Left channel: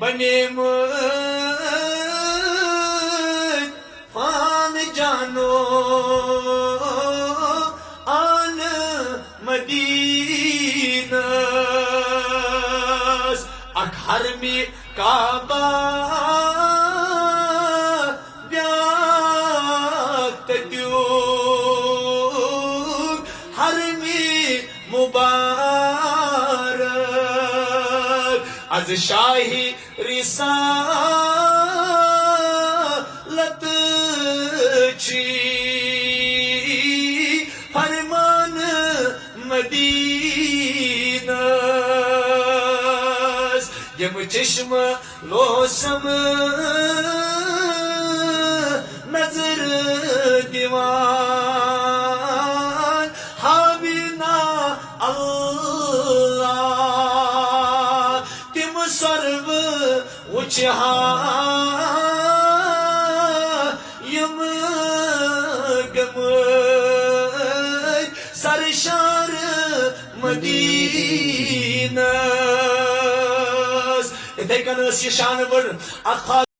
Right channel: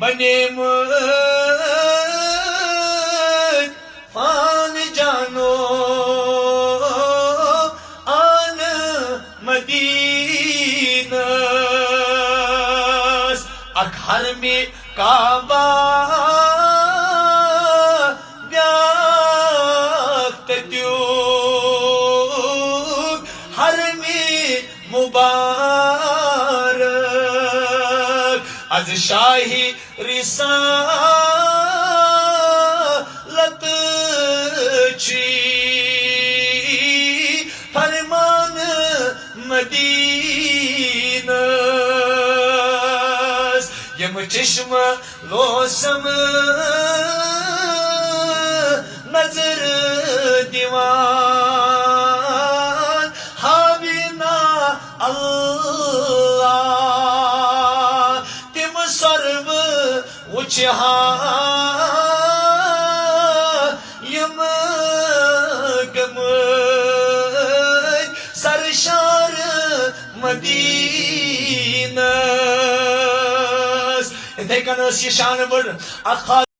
بنیمٕتۍ فان جانو آن مدینس اکھ حرمِ کعبہ بیاکھ تتیُک حرمِ مبارک از شاہی رسالت چھی فرمان مدینس یم چشم لوسم نظر دیوان حاوینا اللہ تم سرو وچہان یم گمٕتۍ سرشار مدینس اتھے کن ٲس یہِ شانہٕ بٔڑ اکھ